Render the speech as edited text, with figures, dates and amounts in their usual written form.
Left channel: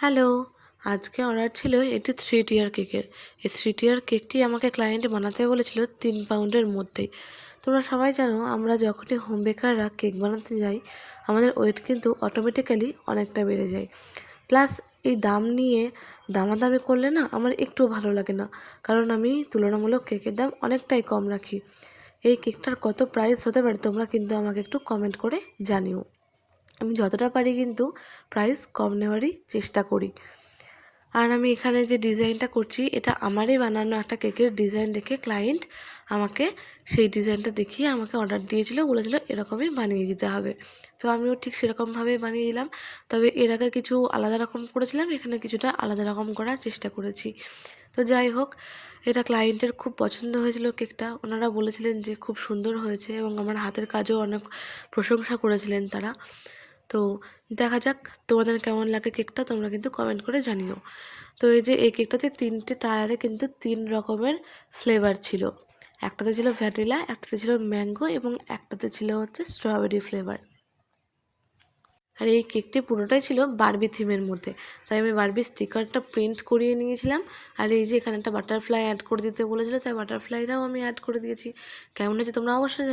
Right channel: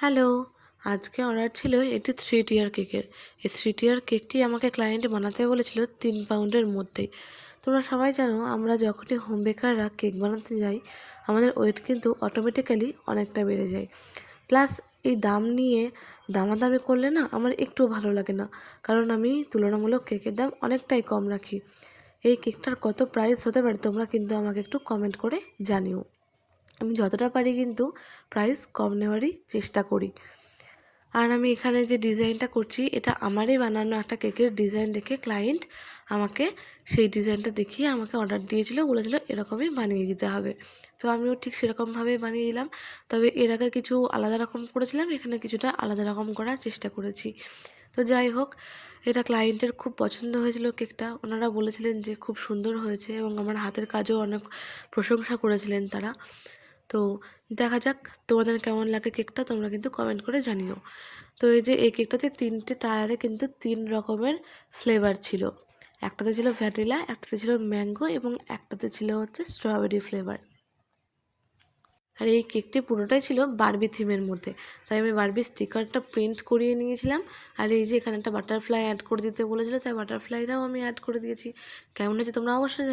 Hello, আজকে order ছিল এটি 3 টিয়ার কেকের। এই 3 টিয়ার কেকটি আমাকে ক্লায়েন্ট বানাতে বলেছিল 3 পাউন্ডের মধ্যেই। তোমরা সবাই জানো আমরা যখনই হোম বেকাররা কেক বানাতে যাই আমাদের ওয়েট কিন্তু অটোমেটিক্যালি অনেকটা বেড়ে যায়। প্লাস এই দাম নিয়ে দামাদামি করলে না আমার একটু ভালো লাগে না, কারণ আমি তুলনামূলক কেকের দাম অনেকটাই কম রাখি। এই কেকটার কত প্রাইস হতে পারে তোমরা কিন্তু আমাকে একটু কমেন্ট করে জানিও। আমি যতটা পারি কিন্তু প্রাইস কম নেওয়ারই চেষ্টা করি। আর আমি এখানে যে ডিজাইনটা করছি এটা আমারই বানানো একটা কেকের ডিজাইন দেখে ক্লায়েন্ট আমাকে সেই ডিজাইনটা দেখিয়ে আমাকে অর্ডার দিয়েছিল, বলেছিল এরকমই বানিয়ে দিতে হবে। তো আমিও ঠিক সেরকমভাবেই বানিয়ে দিলাম। তবে এর আগে কিছু আলাদা রকম করেছিলাম, এখানে কিছুটা আলাদা রকম করার চেষ্টা করেছি। তো যাই হোক, এটা ক্লায়েন্টের খুব পছন্দ হয়েছিল কেকটা। ওনারা বলেছিলেন যে খুব সুন্দর হয়েছে এবং আমার হাতের কাজও অনেক প্রশংসা করেছিলেন তারা। তো দেখা যাক তোমাদের কেমন লাগে কেকটা, তোমরা কিন্তু কমেন্ট করে জানিও। তো এই যে এই কেকটাতে 3টে টায়ারে কিন্তু 3 রকমের ফ্লেভার ছিল। একটাতে ছিল ভ্যানিলা, একটাতে ছিল ম্যাঙ্গো এবং একটাতে ছিল হচ্ছে স্ট্রবেরি ফ্লেভার। আর এই কেকটি পুরোটাই ছিল বারবি থিমের মধ্যে, তাই আমি বারবি স্টিকারটা প্রিন্ট করিয়ে নিয়েছিলাম। আর এই যে এখানে একটা বাটারফ্লাই অ্যাড করে দিতে বলেছিল, তাই বাটারফ্লাইটাও আমি অ্যাড করে দিয়েছি। কেমন হয়েছে তোমরা অবশ্যই